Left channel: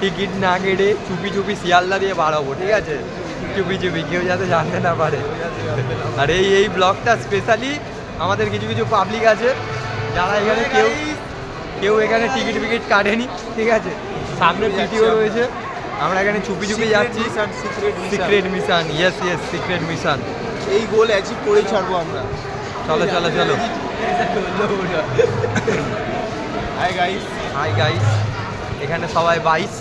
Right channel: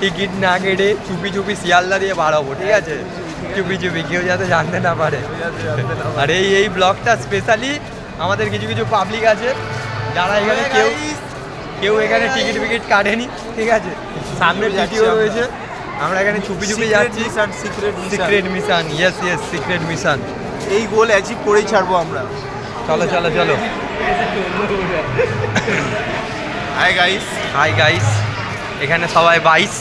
Ticket না কেটে চুপি চুপি শিয়ালদা দিয়ে বার হবো, ঠিক আছে? চুপি চুপি, কেউ যাতে জানতে না পারে। আর এই ব্লগটা স্পেশালি আমাদের কিছু কিছু পাবলিক আছে যারা এখানে কেউ এখানে টিকিট ফিকিট কাটেনি, ঠিক আছে? সামনে টিটিও রয়েছে, আমরা এখানে চুপি চুপি যাচ্ছি। Secret mission, yes secret mission. এই গোল অ্যাচিভ করেই ছাড়বো আমরা। চলো চলো চলো। হাই গাইস, এখানে সবাই 22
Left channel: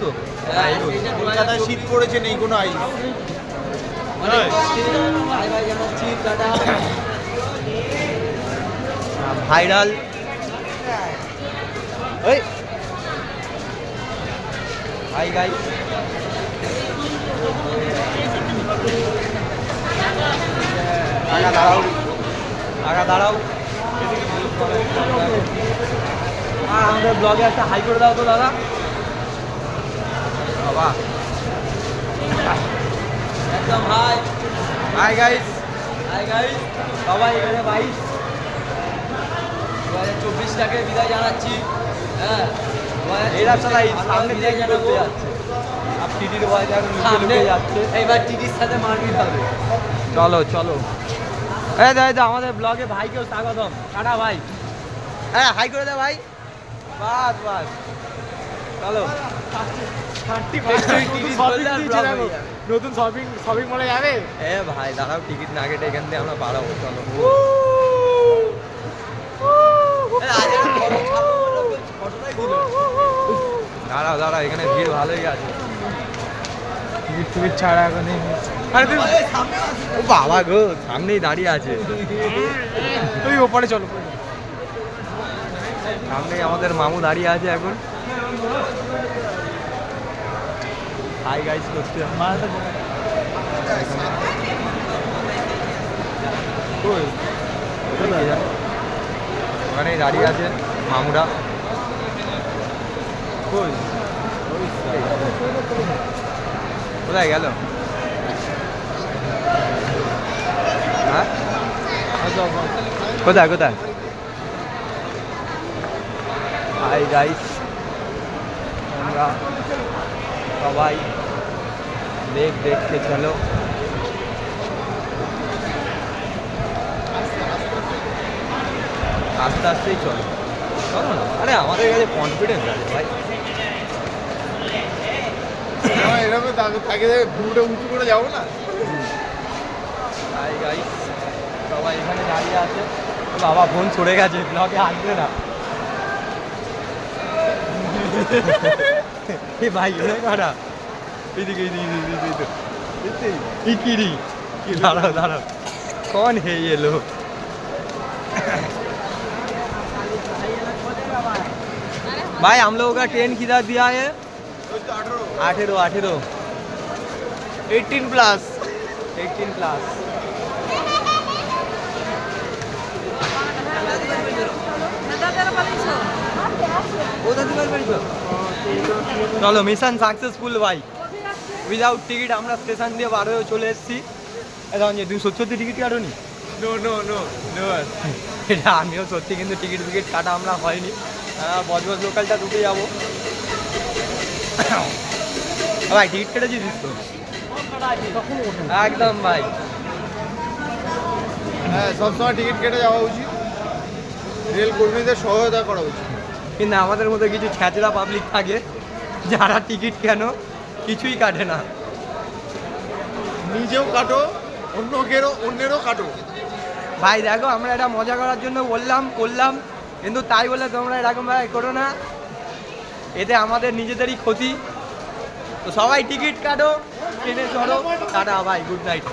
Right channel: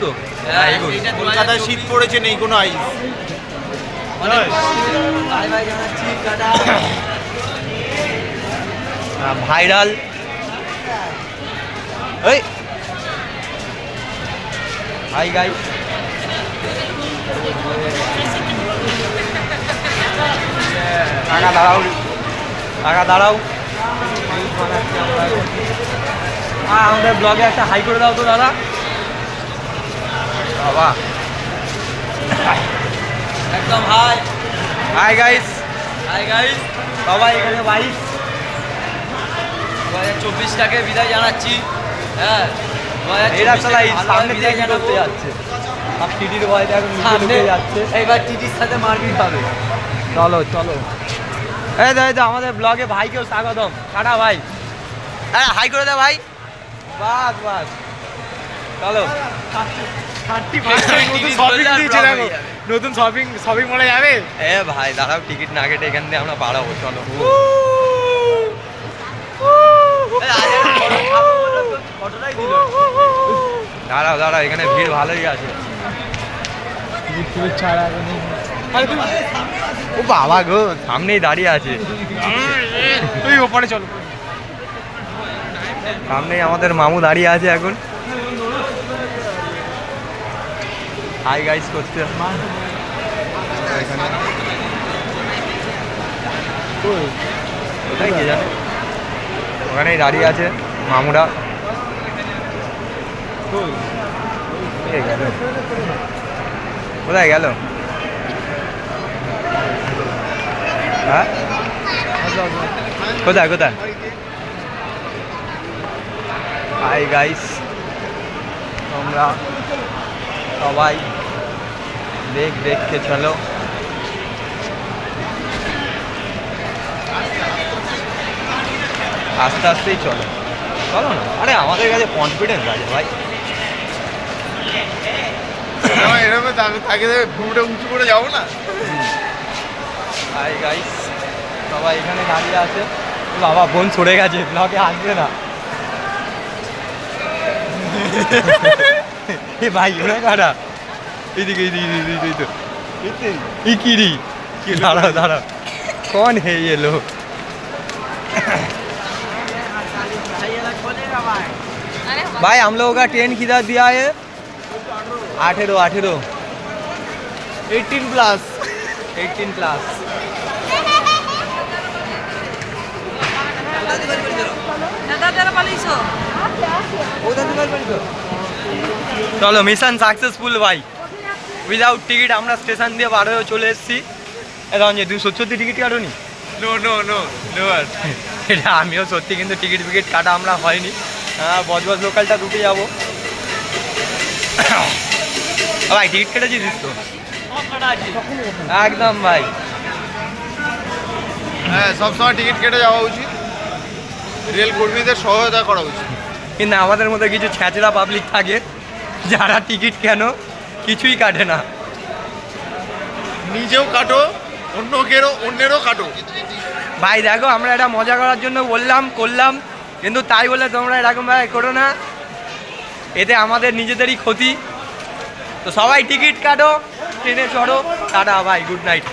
তো কলকাতায় শীত পড়েছে, নেই কোনো আইস। অনেক ভাইরাল এই হাই গাইস, দাঁড়াও আমাদের ব্লগে একটা হাই করে দাও তো দাদা। বাবা একদম হাই গাইস সবাই এখানে 2024টাকে বিদায় জানাচ্ছি। হ্যাঁ, 2024টাকে ভালোভাবে বিদায় জানাতে যাচ্ছে। টিটির বয়সে এখন নিচে যাচ্ছে, এইবার টিটির সাথে মারপিট হবে। চলো এই দাদা আমাদের ব্লগে ভাইকেও স্বাগতম। টাটা ভাই, হ্যাঁ হাই করে দে ভাই। বাস চলো। নতুন শপিং মলে যাবে। এ ভাই দাঁড়াও, টিকিট না কেটে এখান থেকে আমরা বাড়াবো। চলো দাঁড়াও, এখানে ভিড় ভালোই আছে। ও বাবা গো, সামনেই দাঁড়িয়ে আছে। তুই ওপরে চলো, সামনেই আমাদের মামু দাঁড়িয়ে আছে এখন। হাই গাইস করছে এখানে। কোথায় কে জানে, ওখানেই দাঁড়িয়ে আছে মামুরা। কোথায় গেল? হ্যাঁ কোথায়? হাই গাইস, তোমরা সবাই দেখতে চলো। আস্তে আস্তেই চলো না। আরে আমাদের কাছে কনফিডেন্স আছে ভাই। এরকম তাকে ভুরুটা উঁচু করে যাবো না। হাই গাইস, সবাই এখানে দাঁড়িয়ে আছে। বাবা ফোন সরে গেছে, ব্লগে আসবে না। এ ভাই এলো কারা, এইদিকে ইকিরি দাঁড়াও कौन है ये लोग? भाई हम लोगों का ट्रेन किधर दिया है? 18 18 প্লাস। চলো মিশন সাকসেসফুল ভাই। উইদাউট টিকিট আমরা স্টেশন দিয়ে বার হয়ে চলে এসেছি। রঞ্জিত তুমি সত্যি টিকিট কাটোনি? নো এটা আমিও সত্যি, কিন্তু টিকিট ফিকিট কাটা আমরা হয়নি। হ্যাঁ, বজবজ লোকালটা দুটো যাবো। ভাই টিকিট কেটেছিস তো? একদম ভাই, হ্যাঁ সবসময় টিকিট কেটে যাওয়া উচিত, রেল কর্মীদের সহায়তা করা উচিত। কিন্তু আমাদের মধ্যে কিছু ছ্যাঁচড়া পাবলিক থাকে যারা টিকিট কেন কিছুই কাটে না। নিজেও কাটো, অন্যেরও কাটো। ভাই দেখো, আমরা এটা মজা করার জন্য করলাম, কিন্তু তাই বলে তোমরা এরকম ভাবে করো না, এতে আমাদের নিজেদেরই ক্ষতি। তো সবাই টিকিট কাটো, ট্রেনে চড়ো। টাটা ভাই, গুড নাইট।